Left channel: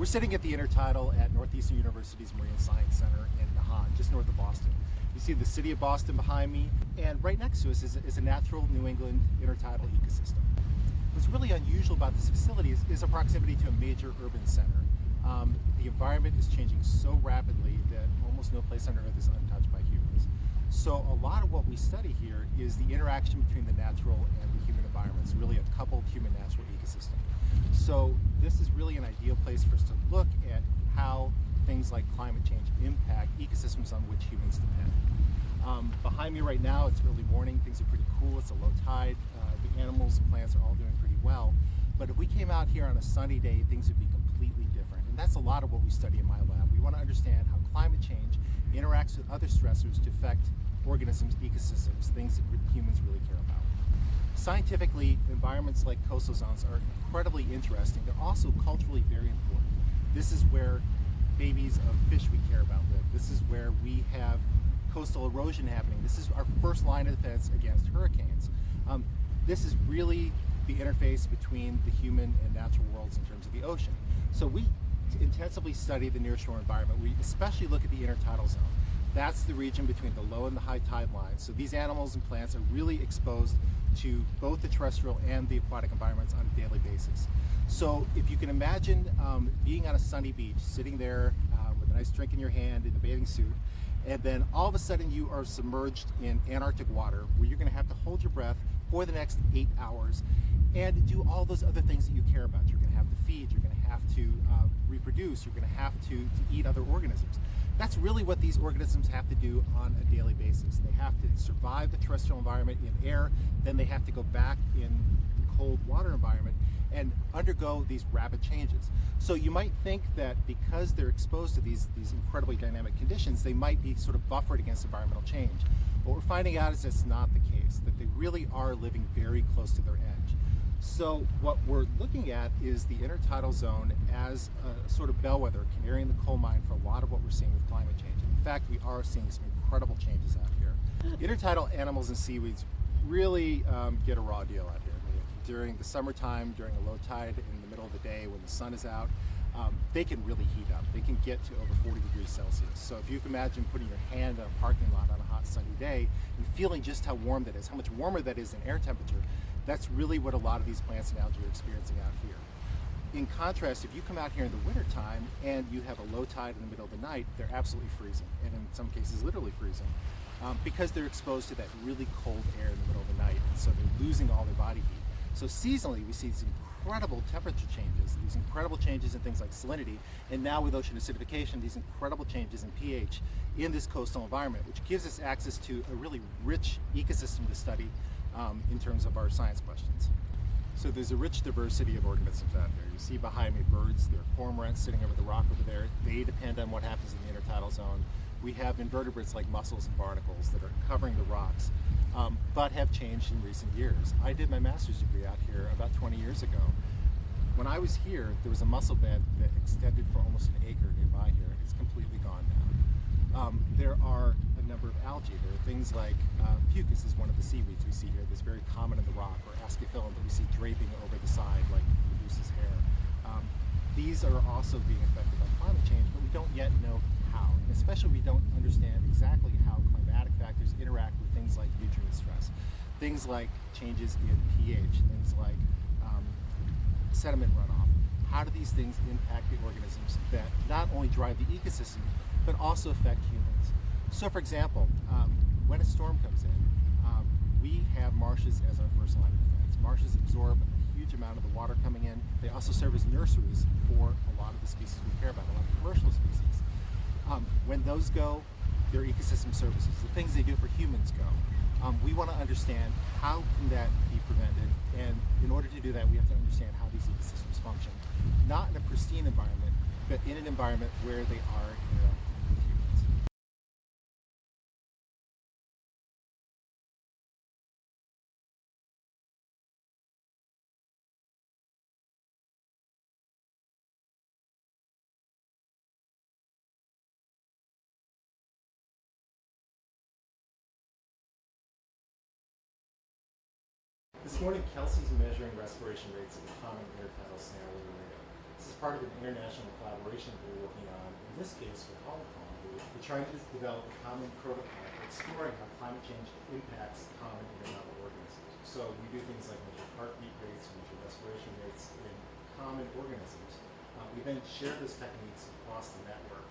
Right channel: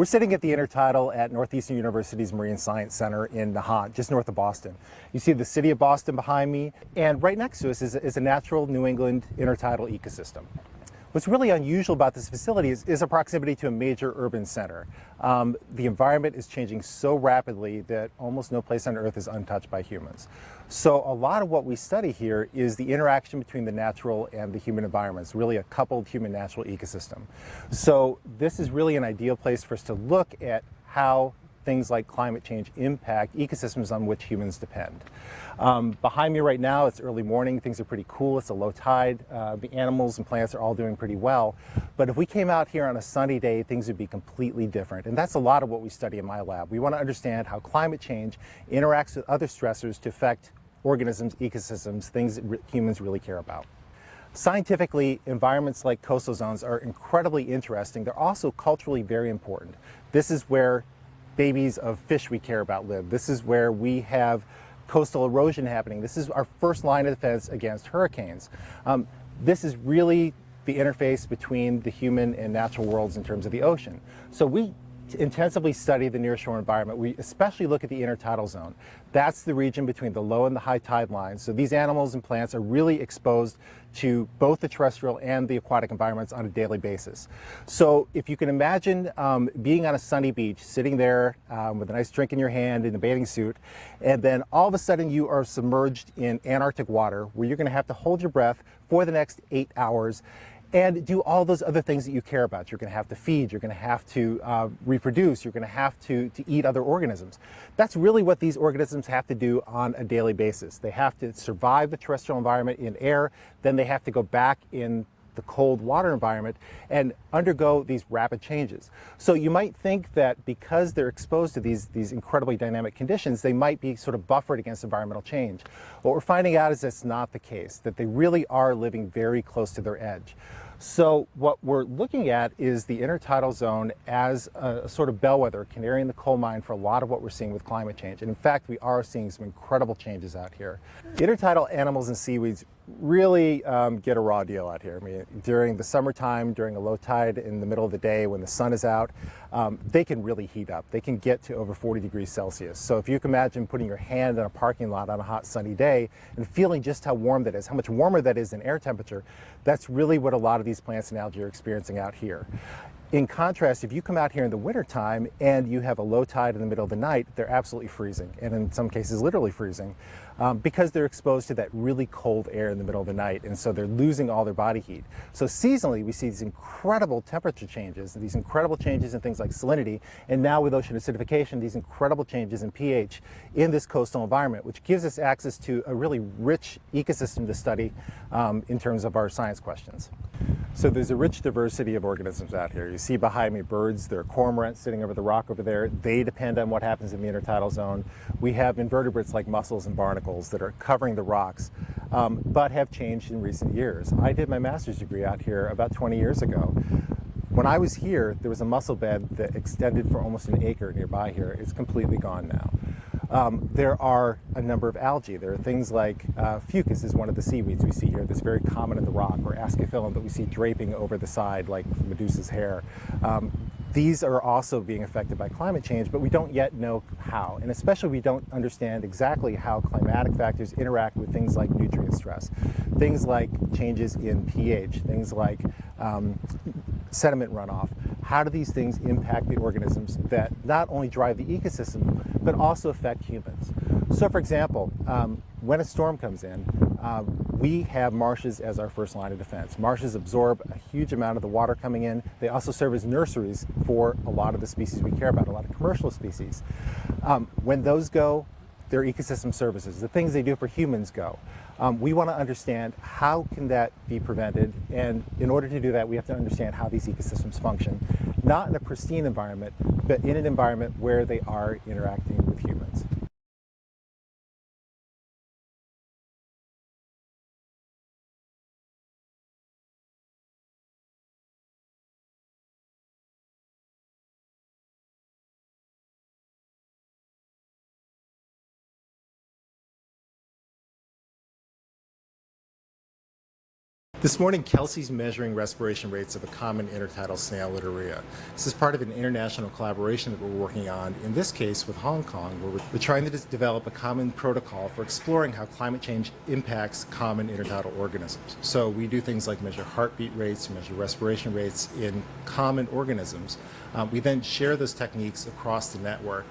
We're sitting at the intertidal at Northeastern University's Marine Science Center in Nahant, just north of Boston. You see the city of Boston behind me, and right next to us is a natural New England intertidal ecosystem. What's really unusual about this facility is a proximity to a major urban center. The environment is changing so rapidly that almost no place on Earth is untouched by humans. So a lot of what we study here is the interaction between the natural and the human environments, really a coupled human-natural ecosystem. So this is really an ideal place for us to look at how things like climate change impact ecosystems on which humans depend. Behind me right now, it's early morning, things are pretty cool, it's a low tide, the animals and plants are all doing pretty well. But if we came out here on a sunny day, things would be completely different. And that's a lot of what we study in my lab. We want to understand how climate change interacts with other stressors to affect organisms, ecosystems, things that humans really care about. Scientifically, environments like coastal zones are incredibly interesting. They're also culturally very important. This is where babies of fish we care about live. This is where we have coastal erosion happening. This is our first line of defense against hurricanes. This is really the interface between the human and natural worlds in terms of the ocean. So we intensively study the nearshore environment. We especially look at the intertidal zone. That's the region between the low and the high tide lines. So these animals and plants are really exposed to both the terrestrial and the aquatic environments on a daily basis. So if you can imagine being on a sunny beach, sitting there with a nice drink in your hand in a bathing suit, and then all of a sudden you are submerged in Antarctic water where you're going to have to hold your breath for the next 8 hours and do all those other things that you care about. You're going to have to feed, you're going to have to reproduce, you're going to have to eat other organisms. That's really what these organisms have to do on a daily basis. They have to survive the terrestrial environment in air, then they have to go back in the cold water environment and undergo these rapid changes. So you might think that because they're exposed to these incredibly dynamic conditions, they might be sort of buffered against environmental change. What we're finding out is that's not the case, that they really are living very close to their edge. So what we're looking at is the intertidal zone as a sort of bellwether, canary in the coal mine for a lot of what we're seeing with climate change. And in fact, we are seeing some incredible changes out here. Intertidal animals and seaweeds really get a raw deal out here. I mean, during the summertime, during a low tide in the middle of the day when the sun is out, they can really heat up. They can get to over 40 degrees Celsius. So if you can imagine putting your hand in a parking lot on a hot sunny day and feeling just how warm that is, how much warmer that is in air temperature, that's really what a lot of these plants and algae are experiencing out here. In contrast, if you come out here in the wintertime and you have a low tide in the middle of the night, they're absolutely freezing, and in some cases literally freezing, because they're exposed to that really cold air in the middle of the night, and so they're losing all their body heat. So seasonally, we see these incredible temperature changes, these incredible changes in things like salinity, and now with ocean acidification, these incredible changes in pH in this coastal environment, which gives us access to a really rich ecosystem to study in terms of our science questions. So there's a rich diversity of organisms out here. You see behind me birds, there are cormorants sitting over the rock over there. They depend on what happens in the intertidal zone. We have invertebrates like mussels and barnacles that are covering the rocks, but have changed in recent years. I did my master's degree out here about 20 years ago. When I was here, there was a mussel bed that extended for almost an acre nearby here. It's completely gone now. There are a number of algae. There are things like fucus is one of the seaweeds we see here that's very common in the rock, or ascophyllum that we see draping over the side like Medusa's hair. These are also being affected by climate change, but we don't yet know how. And especially we don't understand exactly how climatic factors interact with things like nutrient stress, things like changes in pH, things like sediment runoff. How do these things impact the organisms that not only drive the ecosystem, but also affect humans? So for example, when a storm comes in, we have marshes as our first line of defense. Marshes absorb a huge amount of the water coming in. They also serve as nurseries for a lot of the species we care about, a lot of commercial species. When those go, their ecosystem services, the things they do for humans go. We want to understand how can that be prevented, and in order to do that we have to understand how these ecosystems function, not in a pristine environment, but in an environment where they are interacting with humans. This morning, Kelsey's measuring respiration rates of a common intertidal snail, Literia. This is part of an international collaboration that we're working on, in this case with Hong Kong, where we're trying to develop a common protocol for exploring how climate change impacts common intertidal organisms. So we do things like measure heartbeat rates, measure respiration rates in common organisms. We then share those techniques across the network.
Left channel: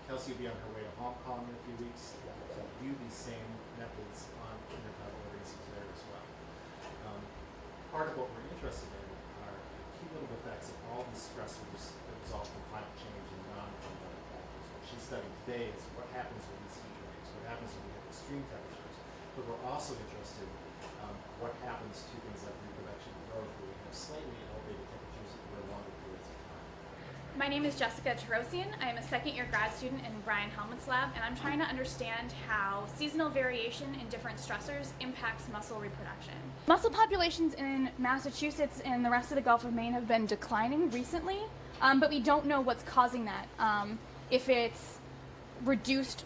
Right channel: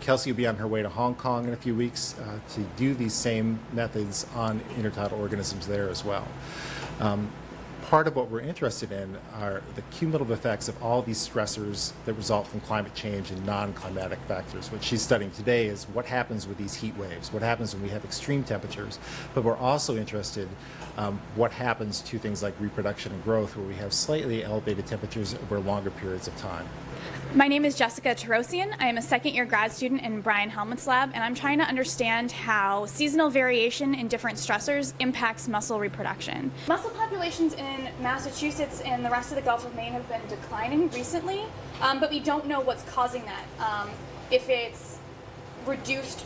Kelsey will be on her way to Hong Kong in a few weeks to do these same methods on intertidal organisms there as well. Part of what we're interested in are the cumulative effects of all these stressors that result from climate change and non-climatic factors. What she's studying today is what happens with these heat waves, what happens when we have extreme temperatures, but we're also interested what happens to things like reproduction and growth where we have slightly elevated temperatures over longer periods of time. My name is Jessica Tarosian. I am a second-year grad student in Brian Helmuth's lab, and I'm trying to understand how seasonal variation in different stressors impacts mussel reproduction. Mussel populations in Massachusetts and the rest of the Gulf of Maine have been declining recently, but we don't know what's causing that. If it's reduced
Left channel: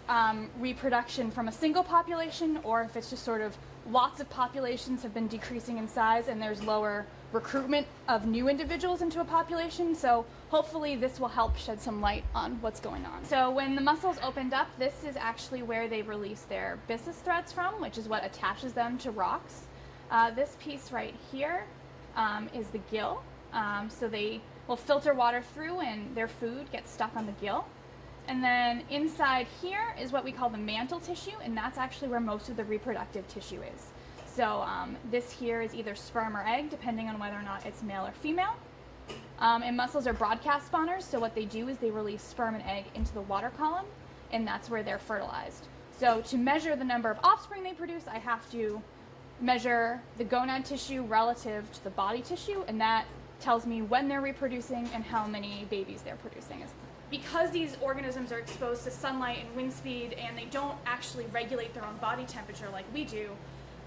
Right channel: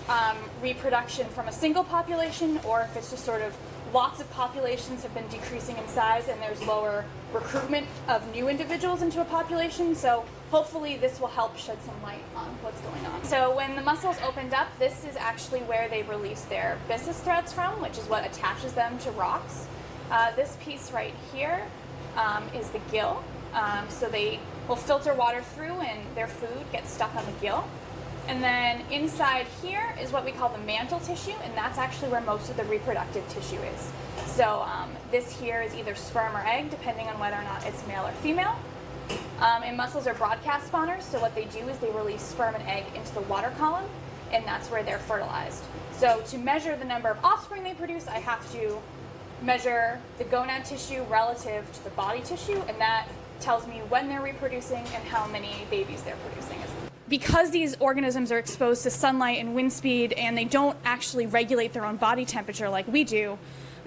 reproduction from a single population, or if it's just sort of lots of populations have been decreasing in size and there's lower recruitment of new individuals into a population. So hopefully this will help shed some light on what's going on. So when the mussels opened up, this is actually where they release their byssus threads from, which is what attaches them to rocks. This piece right here is the gill. So they will filter water through and their food gets stuck on the gill. And then inside here is what we call the mantle tissue, and that's actually where most of the reproductive tissue is. So this here is either sperm or egg, depending on whether or not it's male or female. And mussels are broadcast spawners, so what they do is they release sperm and egg into the water column, and that's where they're fertilized. So to measure the number of offspring they produce, I have to measure the gonad tissue relative to the body tissue, and that tells me when they're reproducing and how many babies they're producing. Because these organisms are exposed to sunlight and wind speed and they don't actually regulate their own body temperature like we do,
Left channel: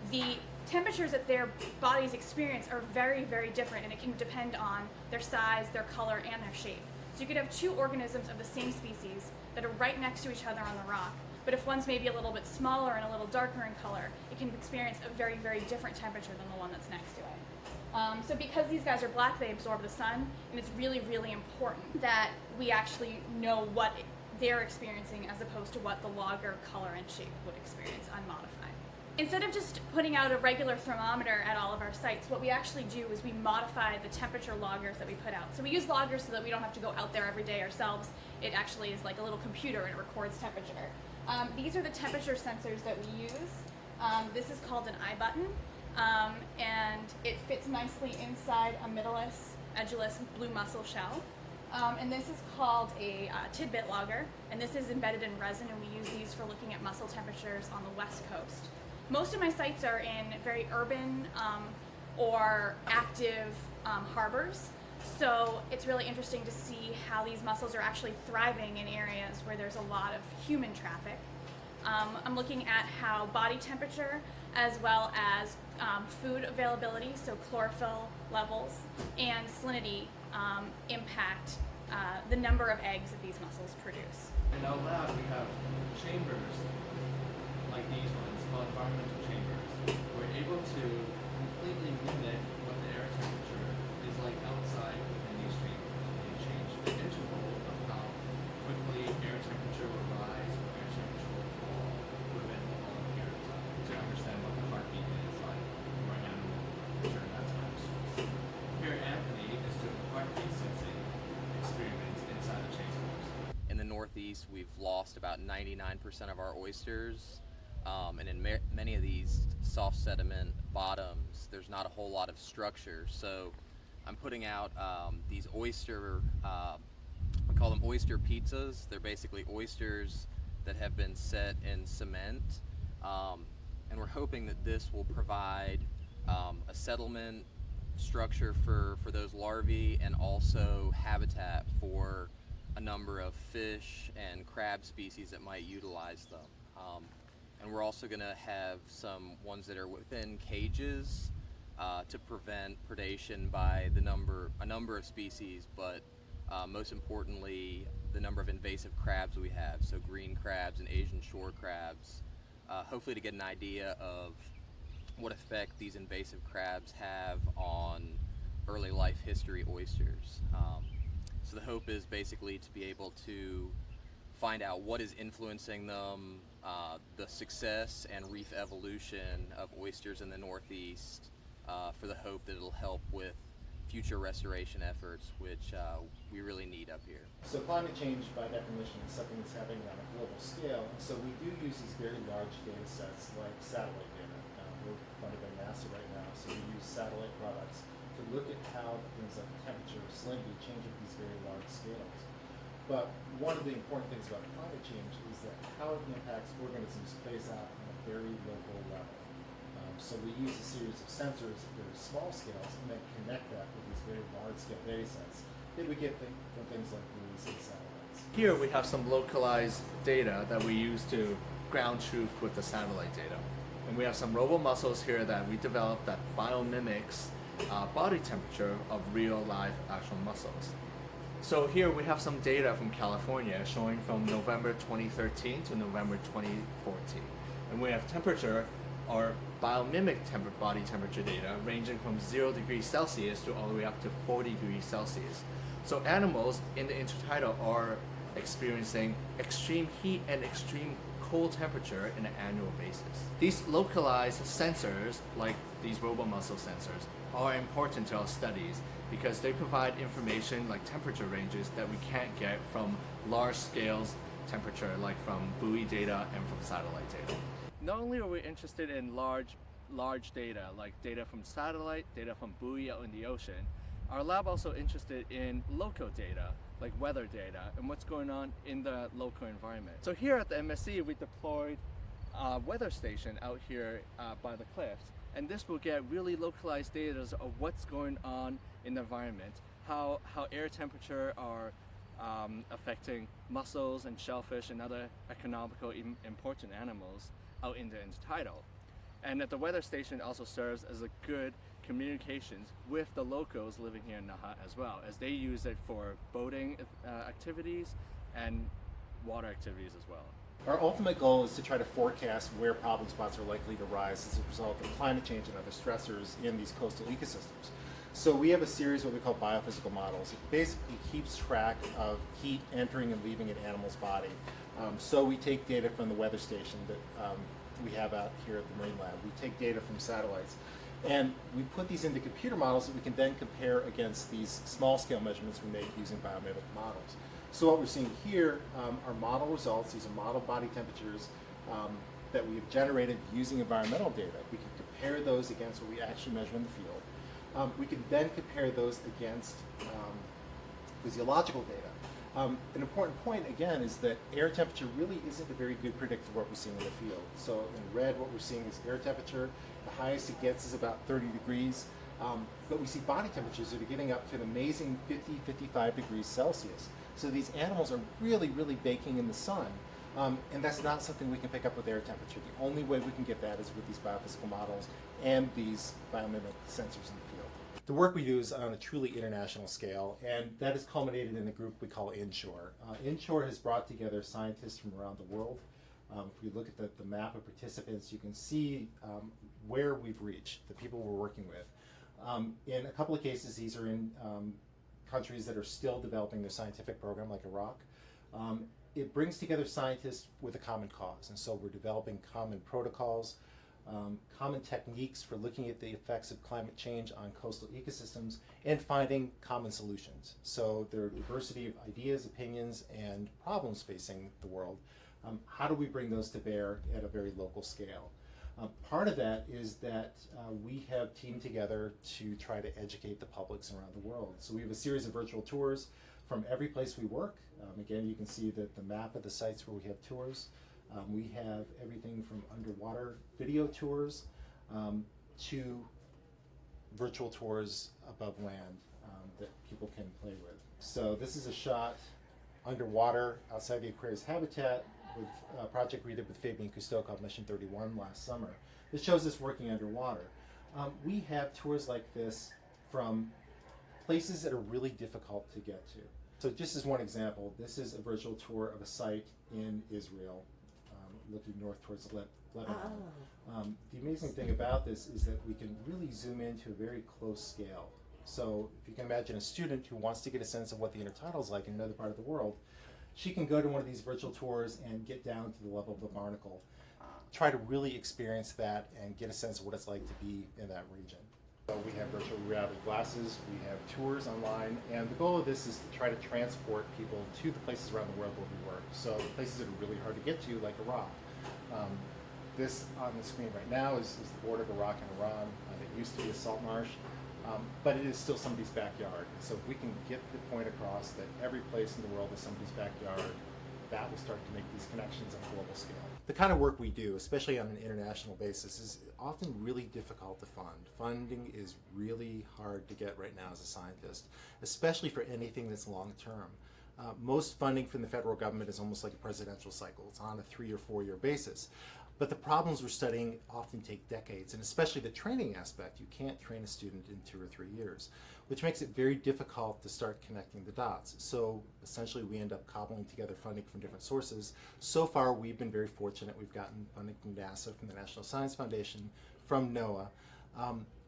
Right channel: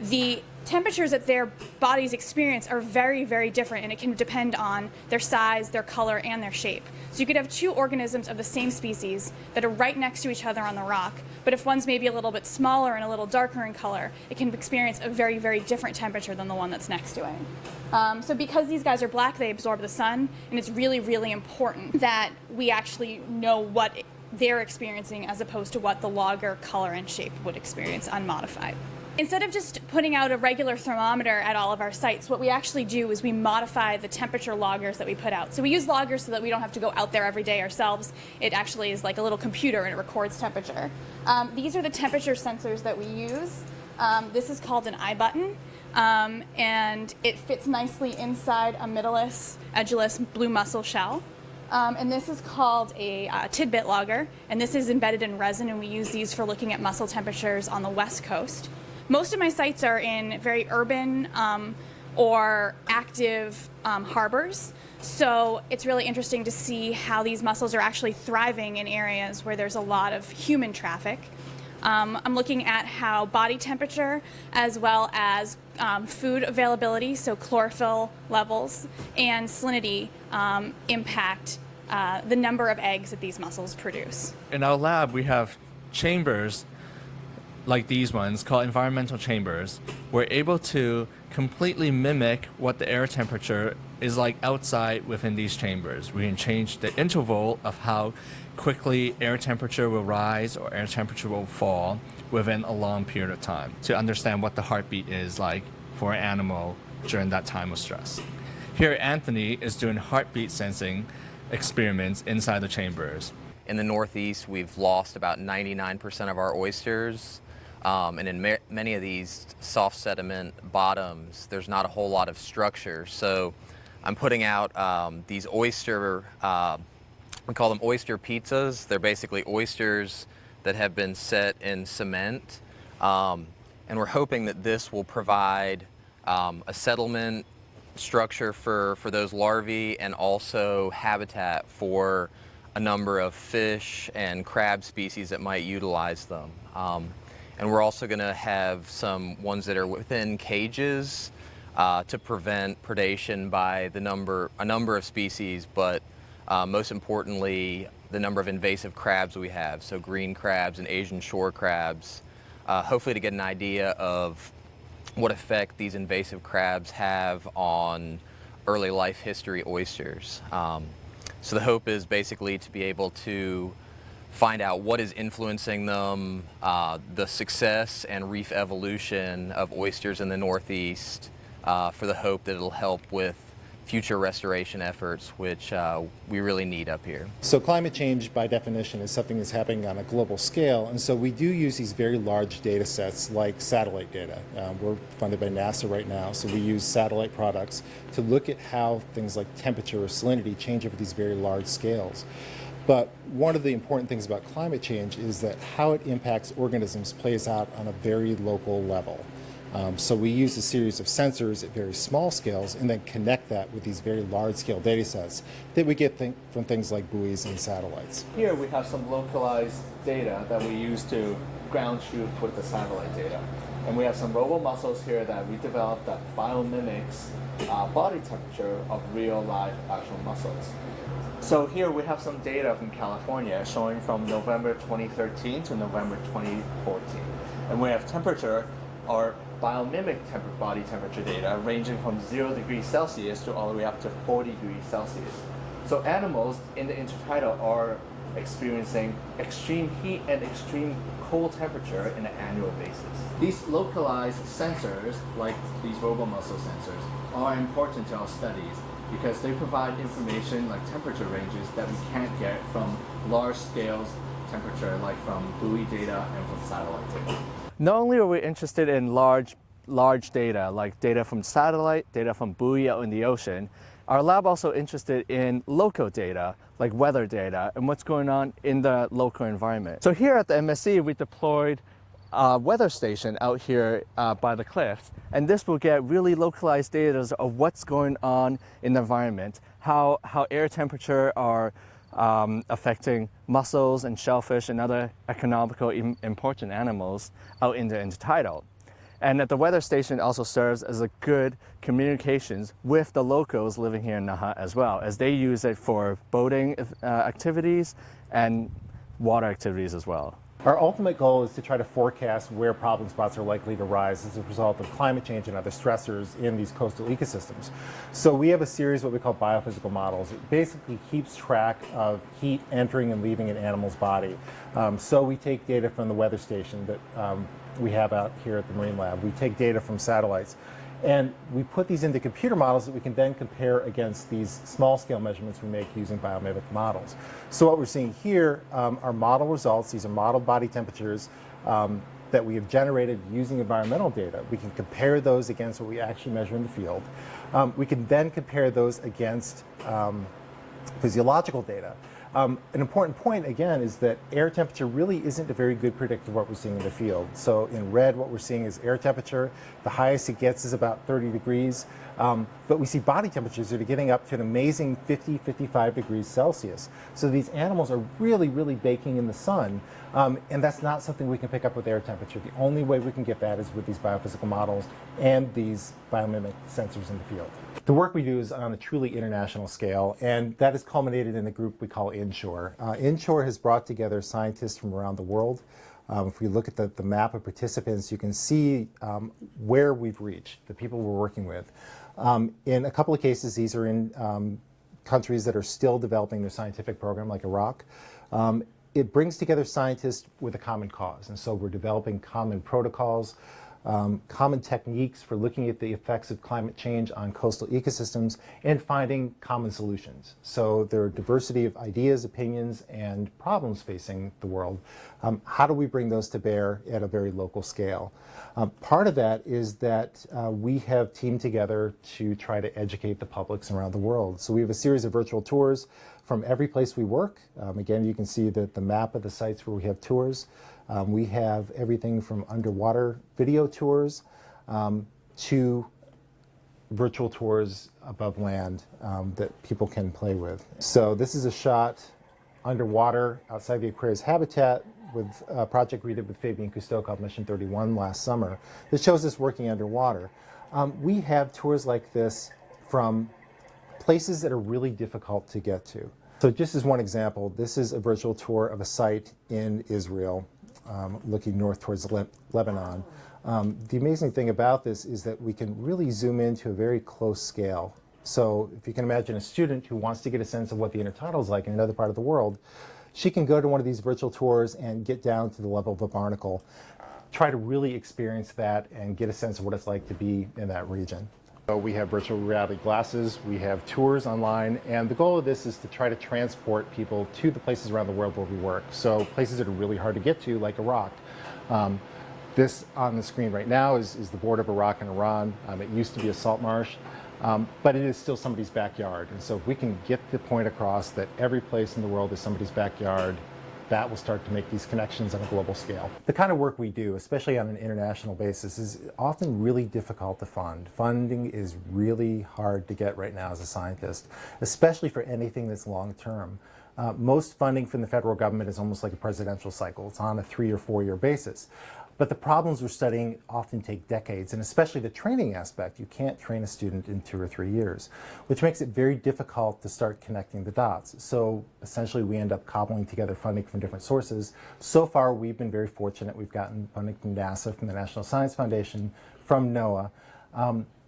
the temperatures that their bodies experience are very, very different, and it can depend on their size, their color, and their shape. So you could have two organisms of the same species that are right next to each other on the rock, but if one's maybe a little bit smaller and a little darker in color, it can experience a very, very different temperature than the one that's next to it. So because these guys are black, they absorb the sun, and it's really, really important that we actually know what they're experiencing as opposed to what the logger color and shape would experience unmodified. Instead of just putting out a regular thermometer at all of our sites, what we actually do is we modify the temperature loggers that we put out. So we use loggers so that we don't have to go out there every day ourselves. It actually is like a little computer and it records temperature. These are the temperature sensors that we use. This is called an eye button, and it fits nicely inside a middleless, edgeless blue mussel shell. And this is called a tidbit logger, and this is embedded in resin, and we use these for looking at mussel temperatures on the west coast. Most of my sites are in very urban or active harbors, so it's really interesting to see how these mussels are actually thriving in areas where there's a lot of human traffic. I'm looking at how body temperature as well as food availability, so chlorophyll levels, and salinity impact the number of eggs that these mussels produce. In our lab, we have chambers like these ones called environmental chambers. We're able to completely mimic what the air temperature is like outside within these chambers. We can change the interval of how quickly air temperature will rise or air temperature will fall within a long period of time to understand what the heartbeat is like for an animal during that time of stress. Here, Anthony is doing heartbeat sensing experiments inside the chambers. In the Northeast, we've lost about 99% of our oysters. And in many of these soft sediment bottoms, there's not a whole lot of structure. So I'm putting out these oyster, we call them oyster pizzas. They're basically oysters that have been set in cement. And we're hoping that this will provide a settlement structure for those larvae and also habitat for a number of fish and crab species that might utilize them. And we're also going to have some ones that are within cages to prevent predation by a number of species, but most importantly, the number of invasive crabs we have, so green crabs and Asian shore crabs, hopefully to get an idea of what effect these invasive crabs have on early life history oysters. So the hope is basically to be able to find out what is influencing them, the success and reef evolution of oysters in the Northeast, for the hope that it'll help with future restoration efforts, which we really need up here. So climate change, by definition, is something that's happening on a global scale, and so we do use these very large data sets like satellite data. We're funded by NASA right now, so we use satellite products to look at how things like temperature or salinity change over these very large scales. But one of the important things about climate change is that how it impacts organisms plays out on a very local level. So we use a series of sensors at very small scales and then connect that with these very large-scale data sets that we get from things like buoys and satellites. Here we have some localized data that we use to ground truth with the satellite data. And we have some robo-mussels here that we developed that biomimics body temperature of real live actual mussels. So here we have some data from California showing from November 2013 to November 2014. And we have temperature, or biomimic body temperature data, ranging from 0 degrees Celsius to all the way up to 40 degrees Celsius. So animals in the intertidal are experiencing extreme heat and extreme cold temperature on an annual basis. These localized sensors, like these robomussel sensors, are important to our studies because they provide information like temperature ranges that we can't get from large scales temperature, like from buoy data and from satellite data. Not only are we interested in large data, like data from satellite, data from buoy out in the ocean, our lab also interested in local data, like weather data, and what's going on in the local environment. So here at the MSc, we deployed a weather station out here by the cliffs, and this will get really localized data of what's going on in the environment, how air temperature are affecting mussels and shellfish and other economically important animals out in the intertidal. And the weather station also serves as a good communications with the locals living here in Naha as well, as they use it for boating activities and water activities as well. Our ultimate goal is to try to forecast where problem spots are likely to rise as a result of climate change and other stressors in these coastal ecosystems. So we have a series of what we call biophysical models. It basically keeps track of heat entering and leaving an animal's body. So we take data from the weather station that we have out here at the Marine Lab. We take data from satellites. And we put these into computer models that we can then compare against these small-scale measurements we make using biomimic models. So what we're seeing here are model results. These are model body temperatures that we have generated using environmental data. We can compare those against what we actually measure in the field. We can then compare those against physiological data. An important point, again, is that air temperature really isn't a very good predictor of what we're seeing in the field. So in red, what we're seeing is air temperature. The highest it gets is about 30 degrees. But we see body temperatures that are getting up to an amazing 50, 55 degrees Celsius. So these animals are really, really baking in the sun. And that's not something we can pick up with air temperature. The only way we can get that is with these biophysical models and these biomimic sensors in the field. The work we do is on a truly international scale, and that is culminated in the group we call Inshore. Inshore has brought together scientists from around the world. If we look at the map of participants, you can see where we've reached, the people we're working with. In a couple of cases, these are in countries that are still developing their scientific program, like Iraq. It brings together scientists with a common cause, and so we're developing common protocols, common techniques for looking at the effects of climate change on coastal ecosystems and finding common solutions. So there are diversity of ideas, opinions, and problems facing the world. How do we bring those to bear at a very local scale? Part of that is that we have teamed together to try to educate the publics around the world. So we have a series of virtual tours from every place we work. Again, you can see the map of the sites where we have tours. We have everything from underwater video tours to virtual tours above land that people can play with. So this is a shot underwater outside the Aquarius habitat with a project we did with Fabian Cousteau called Mission 31 last summer that shows us working underwater. We have tours like this from places that are really difficult to get to. So just as one example, this is a virtual tour of a site in Israel looking north towards Lebanon. The amazing thing about this is that we can really zoom into a very close scale. So if you can imagine a student who wants to get a sense of what the intertidal is like in another part of the world, she can go to one of these virtual tours and get down to the level of a barnacle, try to really experience that and get a sense of what it's like to be in that region. So we have virtual reality glasses, we have tours online, and the goal of this is to try to transport people to the places around the world where we work. So places that are really hard to get to, like Iraq. This on the screen right now is the border of Iraq and Iran. It used to be a salt marsh, but it is still somebody's backyard. And so if we can get the point across that every place in the world is somebody's backyard, that will start to make these connections on a global scale. The kind of work we do, especially on an international basis, is often really difficult to fund. Funding is really hard to get right now as a scientist, especially for anything that's long term. Most funding from the federal government is almost like a presidential cycle. It's on a 3 or 4 year basis. But the problems we're studying often take decades, and especially the training aspect. You can't train a student in 2 or 3 years, which makes it very difficult to start connecting the dots. So essentially we end up cobbling together funding from different sources. So far we've been very fortunate. We've gotten funding from NASA, from the National Science Foundation, from NOAA.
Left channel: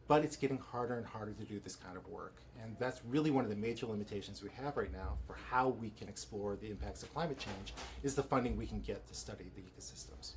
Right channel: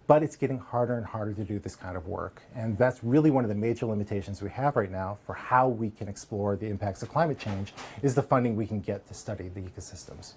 But it's getting harder and harder to do this kind of work. And that's really one of the major limitations we have right now for how we can explore the impacts of climate change, is the funding we can get to study the ecosystems.